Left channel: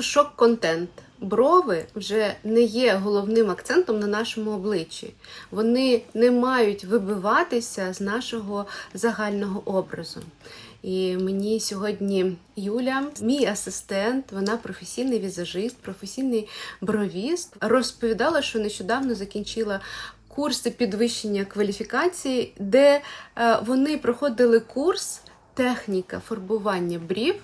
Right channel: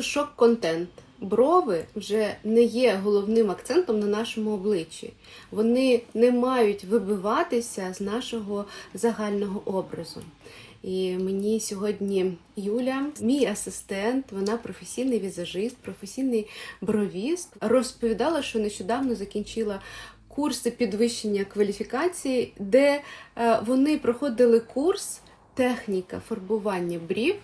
просто шок-контент. Брови вже не є головним акцентом на нашому обличчі. Вони не мають вибиватися з нашого загального образу. І мені сьогодні Юля, мій асистент, вона професійний візажист, професійний бровіст, розповідала, що нещодавно закінчила курси підвищення кваліфікації, де е, вони проходили курс техніка фарбування брів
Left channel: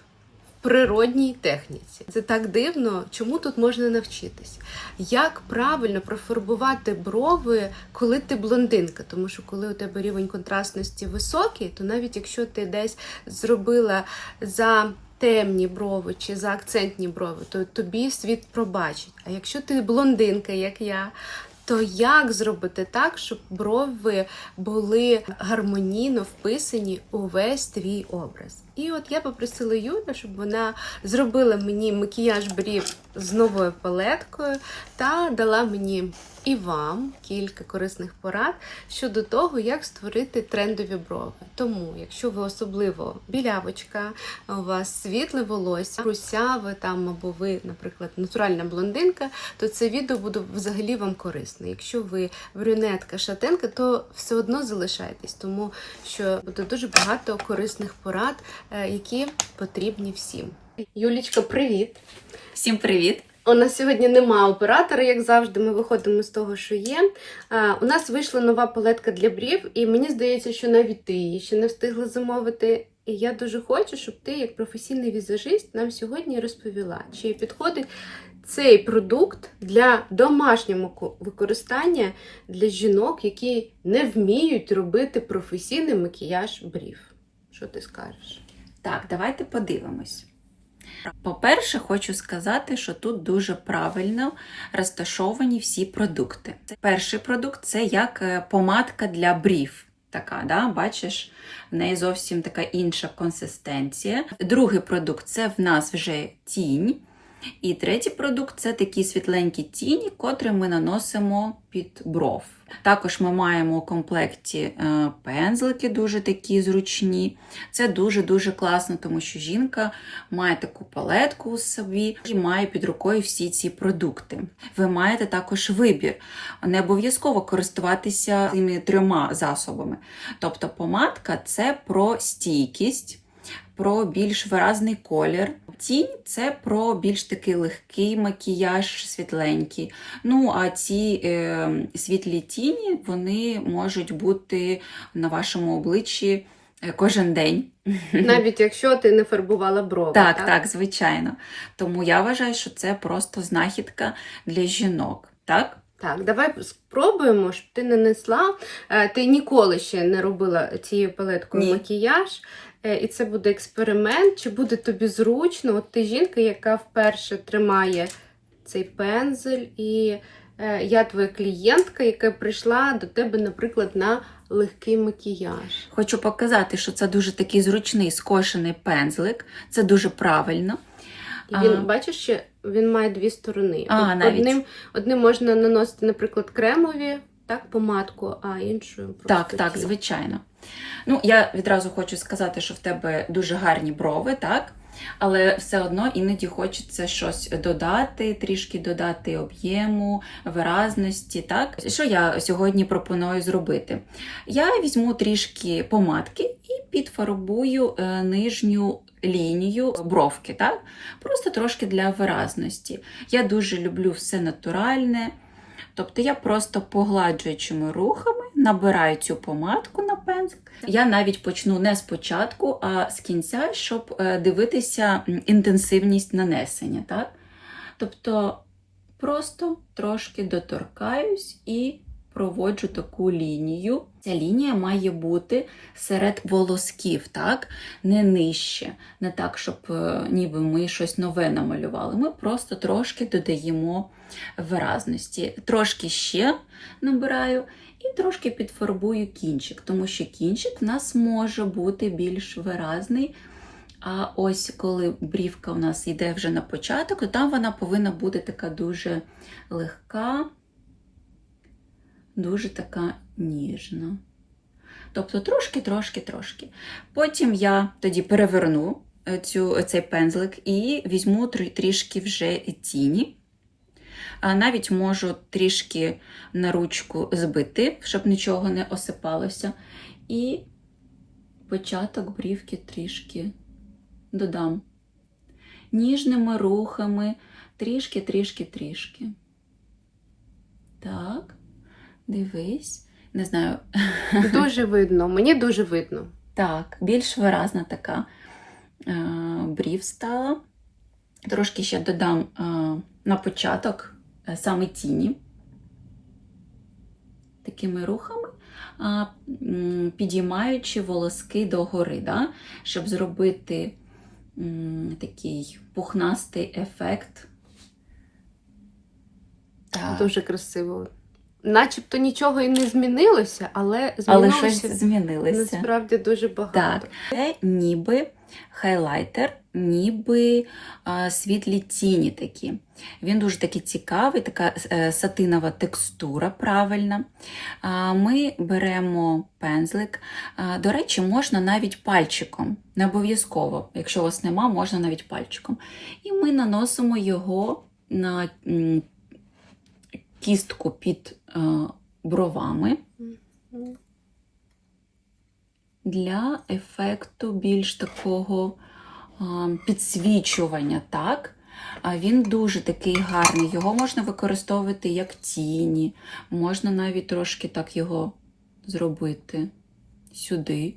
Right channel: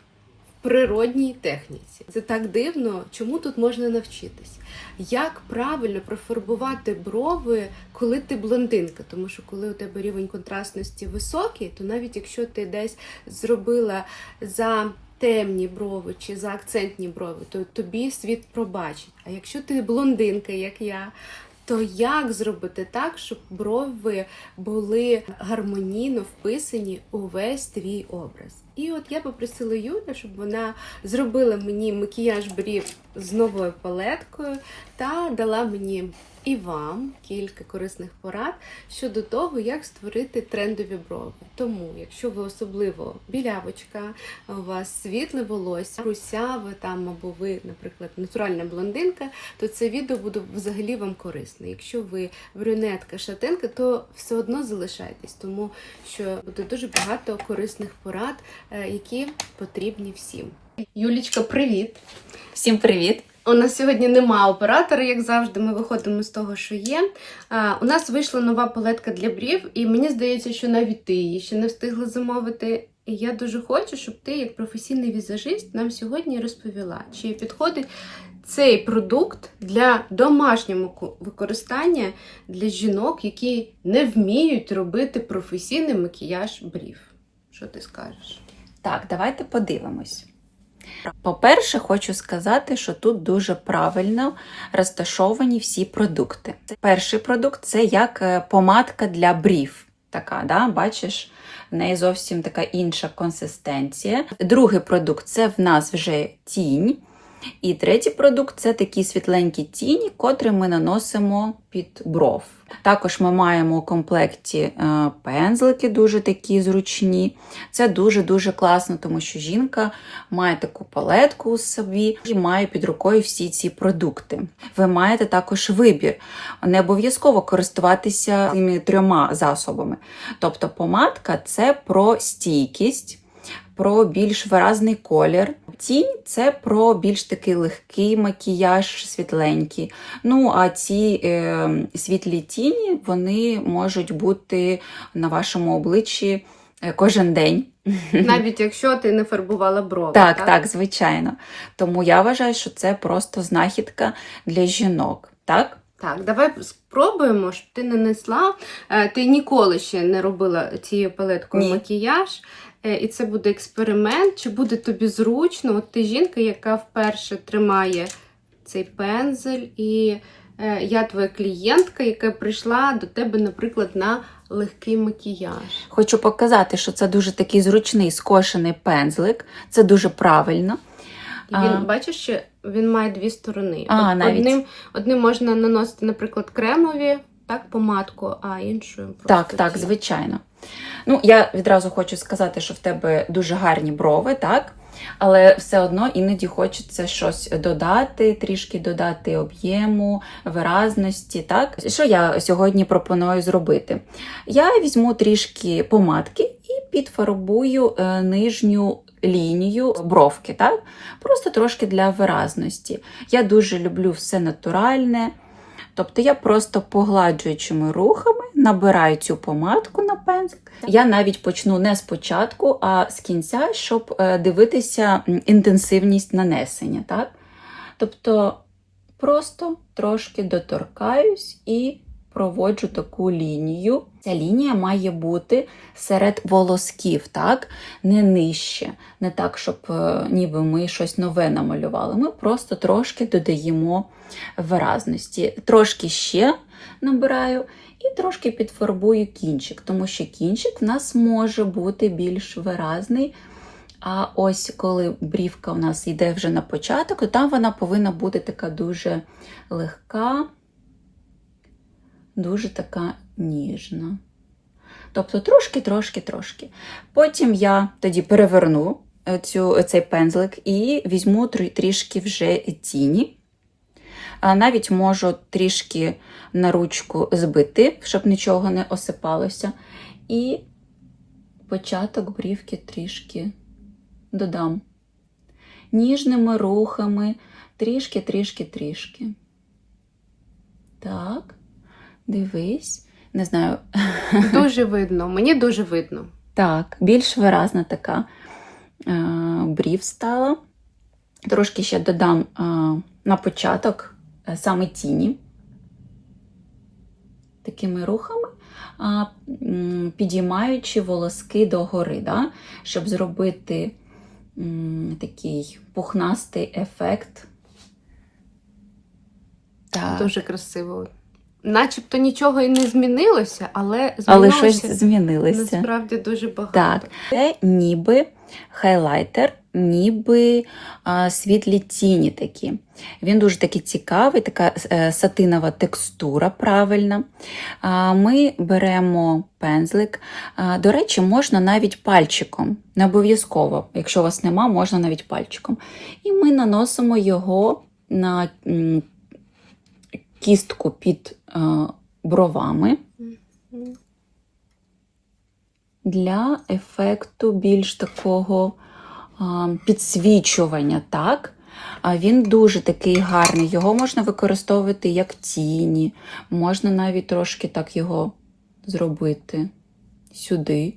природній техніці. Це так дивно, чому тут можна навчитись? Як правильно профарбувати брови, коли ти блондинка? Тому що коли у тебе рівень контрастності високий, то навіть якщо ти десь зробила за темні брови чи за акцентні брови, то тобі світ пробачить. А якщо ти блондинка, як я, то як зробити так, щоб брови були гармонійно вписані у весь твій образ? І от я попросила Юлю, щоб вона зробила мені макіяж брів з новою палеткою та дала мені і вам кілька корисних порад щодо того, як створити трендові брови. Тому, якщо ви особливо білявочка, у вас світле волосся, русяве там або ви, наприклад, натуральна блондинка, то це відео буде взагалі вам корисне. Якщо ви брюнетка, шатенка, то все одно залишайтесь, тому що буде дуже багато корисних порад, які потрібні всім. Юлічка, привіт! Всім привіт! У нас сьогодні нема оператора, як завжди. Ми виходимо з того, що є. А, у нас вийшла нова палетка для брів, і мені здається, що навіть ти її ще не встигла замовити. І я дуже хочу, щоб ти, як професійний візажист, нам сьогодні розповіла, чи підходить цей продукт для домашнього використання для жінок, які не вміють робити професійний макіяж брів. Що ти скажеш? Так, давайте подивимось. По-перше, хочу сказати, що тут дуже правильно розташовані всі продукти. Перший продукт це як е, помадка для брів. Така, да? бачиш, в неї зовсім така інша консистенція. Другий продукт це в нас вже тінь. І третій продукт це такі світленькі тіні, котрі ми наносимо під бров. Також ми маємо у комплекті е, пензлики, дуже такі зручні. Це дуже-дуже класно, тому що жінка має таку палетку у собі і має під рукою всі ці продукти. Ви маєте також вибір. Не обов'язково користуватися цими трьома засобами. Тобто помадка це про стійкість, про більш виразний колір. Тінь це про більш такий легкий макіяж, світленький. Ну, а ці е, світлі тіні вони можуть бути на вашому обличчі е, кожен день. Навіть якщо ти не фарбувала брови. Так, так, звичайно. Тому я вважаю, що це просто знахідка для жінок. Так? Так, давай спробуємо, щоб ти нанесла. Е, Ти ніколи ще не робила цією палеткою Ні. макіяж. Е, І це буде експеримент, чи буде тобі зручно. От ти жінка, яка вперше тримає цей пензель, і е, я твоя клієнтка, яка прийшла до тебе, наприклад, на легкий макіяж. Хочу показати, що це дуже такий зручний скошений пензлик. Це дуже правильно. Він, А. бачиш, що він має дві сторони. А, Од- навіть. Одним, одним можна наносити, наприклад, кремові, так, помадку, а іншою просто Так, так, ці. звичайно. Ну, я відразу хочу сказати, що в тебе дуже гарні брови, так? Але все одно іноді хочеться щось додати, трішки додати об'єму, виразності. так? Що я сьогодні пропоную зробити? Я візьму трішки помадки і підфарбую е, нижню лінію бровки, так? Просто трошки для виразності. Я дуже люблю все натуральне. Тобто я просто погладжуючими рухами набираю цю помадку на пензлик. Я навіть почну не спочатку, а з кінця, щоб е, дивитися інтенсивність нанесення. Так? Тобто просто трошки доторкаюсь і проводжу таку лінію. Ця лінія має бути серед волосків, так? не нижче. Не так, щоб е, ніби ми щось нове намалювали. Ми просто трошки додаємо виразності. Трошки ще набираю і трошки підфарбую кінчик, тому що кінчик в нас може бути більш виразний. А ось коли брівка у нас йде вже на початок, то там вона повинна бути така дуже легка, дуже така ніжна. Тобто трошки, трошки, трошки. Потім я тоді переверну е, цю, цей пензлик і візьму трішки вже тіні. Навіть можу трішки на ручку збити, щоб нічого не осипалося. І початок брівки трішки додам. Ніжними рухами, трішки, трішки, трішки. Дивись. Не знаю, Дуже видно, мені дуже видно. так, більш виразна така е, брів стала. Трошки ще додам е, на початок е, саме тіні. Такими рухами, підіймаючи волоски догори, да? щоб зробити такий пухнастий ефект. Так. Дуже красиво. Начебто нічого і не змінилося, але Але змінилося щось змінилося. насправді дуже багато. Так, це ніби хайлайтер, ніби а, світлі тіні такі. Він дуже такий цікавий, така е, сатинова текстура правильна. А, ми беремо пензлик. А, до речі, можна навіть пальчиком. Не обов'язково, якщо у вас нема, можна навіть пальчиком. І ми наносимо його на кістку під бровами для ефекту більш такого підсвічування, так? Він дуже такий гарний. Його можна використовувати як тіні, можна навіть трошки так його зробити сюди.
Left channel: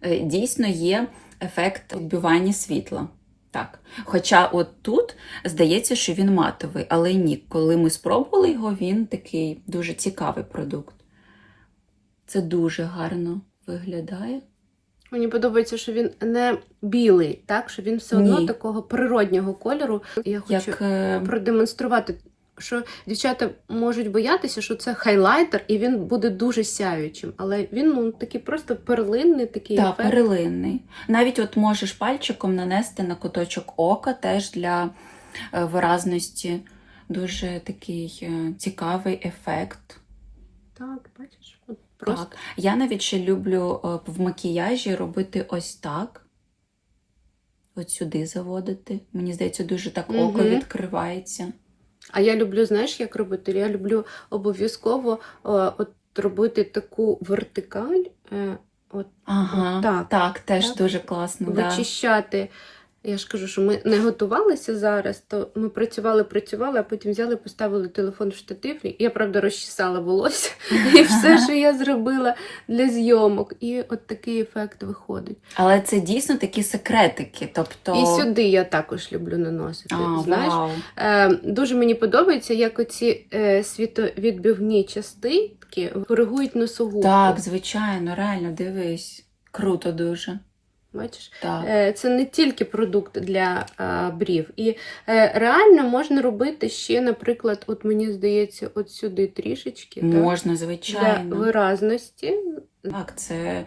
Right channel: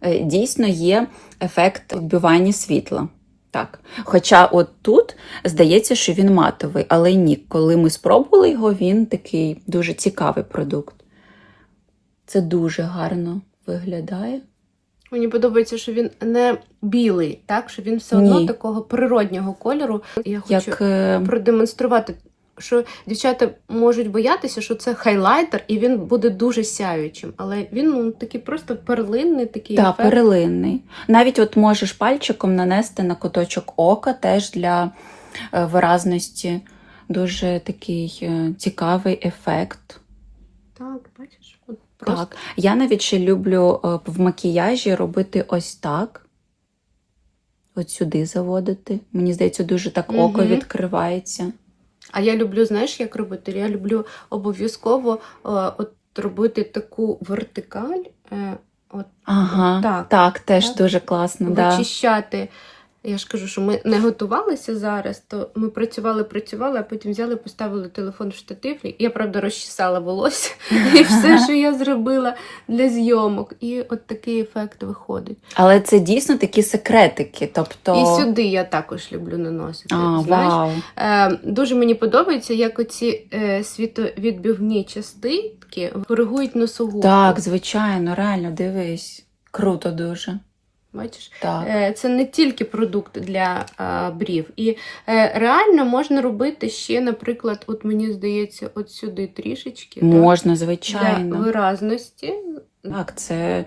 Е, Дійсно є ефект відбивання світла. Так. Хоча от тут здається, що він матовий, але ні, коли ми спробували його, він такий дуже цікавий продукт. Це дуже гарно виглядає. Мені подобається, що він не білий, так що він все одно Ні. такого природнього кольору. Я хочу Як е, продемонструвати, що дівчата можуть боятися, що це хайлайтер, і він буде дуже сяючим. Але він ну, такий просто перлинний, такий та, ефект. перелинний. Навіть от можеш пальчиком нанести на куточок ока теж для е, виразності. Дуже такий е, цікавий ефект. Так, бачиш, от просто Так. Я навіть ще люблю е, в макіяжі робити ось так. От сюди заводити. Мені здається, дуже так око Мгм. відкривається. А я люблю, знаєш, як робити? Я люблю обов'язково е, от робити таку вертикаль, е, от Ага, Так. так, теж Так. дуже класно. Да. вичищати. Я ж кажу, що ми не готувалися зараз, то ми працювали, працювали, а потім взяли, поставили телефон в штатив. Я, правда, розчесала волосся і все, що я зробила для зйомок. І от такий ефект виходить. Але це дійсно такі секретики. Тобто... І сюди я також люблю наносити. А, знаєш, вау. Е, дуже мені подобається, як оці е, світовідбивні частинки коригують носогубку. Так, звичайно, реально, дивись. Круто дуже. Бачиш? Так. Е, Це не тільки продукт для е, брів. І е, реально можна робити ще, наприклад, от мені здається, от сюди трішечки так, Можна, для звичайно. виразності. Так, це,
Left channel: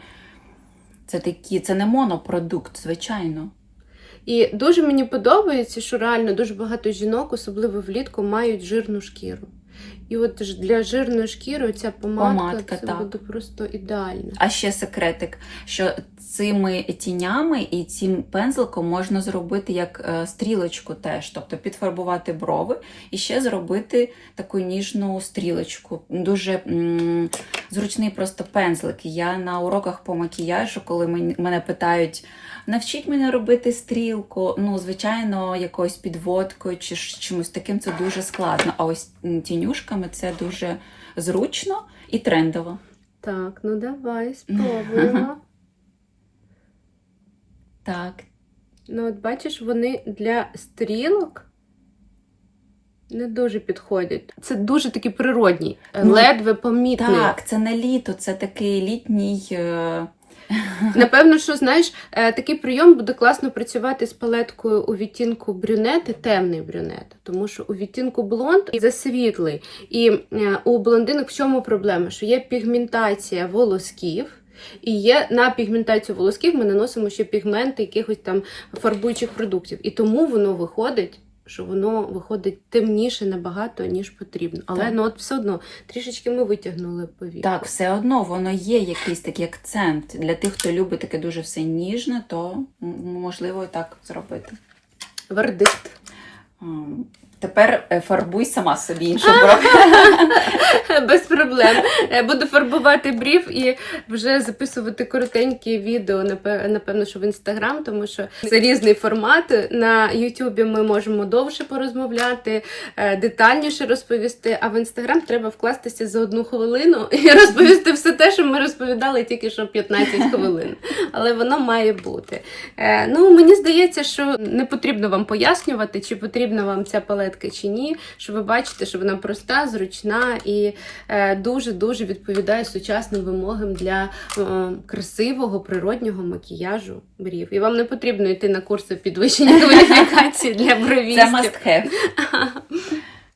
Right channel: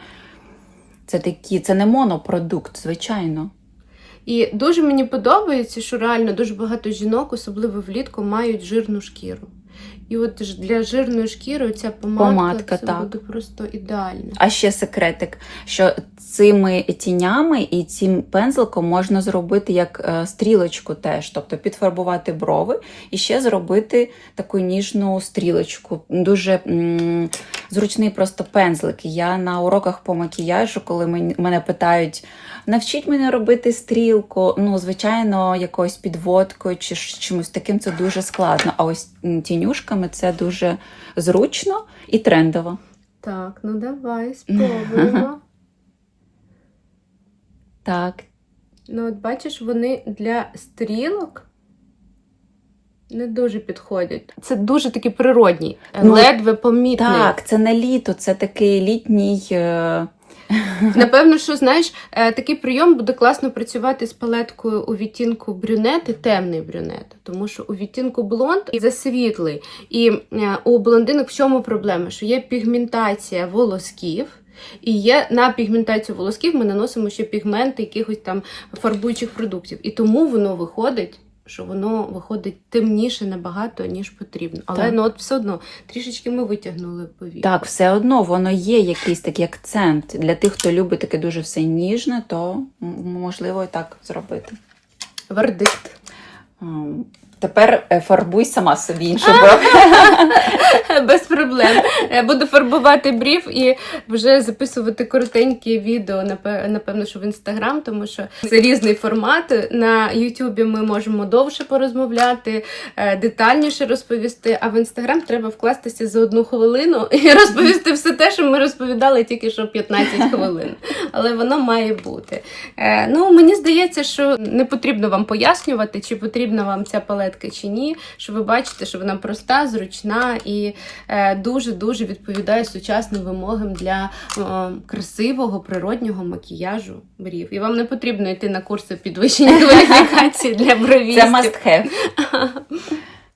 це такі, це не монопродукт, звичайно. І дуже мені подобається, що реально дуже багато жінок, особливо влітку, мають жирну шкіру. І от для жирної шкіри ця помадка, Помадка, це так. буде просто ідеально. А ще секретик, що цими тінями і цим пензликом можна зробити як е, стрілочку теж, тобто підфарбувати брови і ще зробити таку ніжну стрілочку. Дуже м, зручний просто пензлик. Я на уроках по макіяжу, коли мен- мене питають. Навчіть мене робити стрілку. Ну, звичайно, якоюсь підводкою чи чимось таким це дуже складно. А ось тінюшками це дуже зручно і трендово. Так, ну давай спробуємо. Так, Ну, от бачиш, вони для стрілок не дуже підходять. Це дуже такий природній, Ну, ледве помітний. Так, це не літо, це такий літній. е, Напевно, що знаєш, е, такий прийом буде класно працювати з палеткою у відтінку брюнет і темний брюнет, тому що у відтінку блонд і засвітлий. І е, у блондинок в чому проблема? Що є пігментація волосків. І є на пігментацію волосків ми наносимо ще пігменти якихось там фарбуючих продуктів. І тому воно виходить що воно виходить темніше набагато, ніж потрібно. Але Так. ну от все одно трішечки ми витягнули повітря. Так, все одно воно є якийсь такий акцент. Для тих, хто любить таке дуже все ніжне, то можливо і так зробити. Вердикт. Тепер е, фарбуй сама собі інший бок. Без проблем. Е, Буду фарбувати брів і вже записувати коротенькі відео, напевно, що в інстаграм, тому що це різний формат. На Ютубі ми можемо довше порозмовляти, е, детальніше розповісти. А в інстаграм треба вкластися за одну хвилину і розповісти все те, що ми розповідали тільки що 15 хвилин. Але воно має бути. Ну, мені здається, що не потрібно вам пояснювати, чи потрібна вам ця палетка чи ні. Що ви бачите, що вона проста, зручна і дуже дуже відповідає сучасним вимогам для е, красивого природнього макіяжу брів. І вам не потрібно йти на курси підвищення кваліфікації для бровістів. Це must have.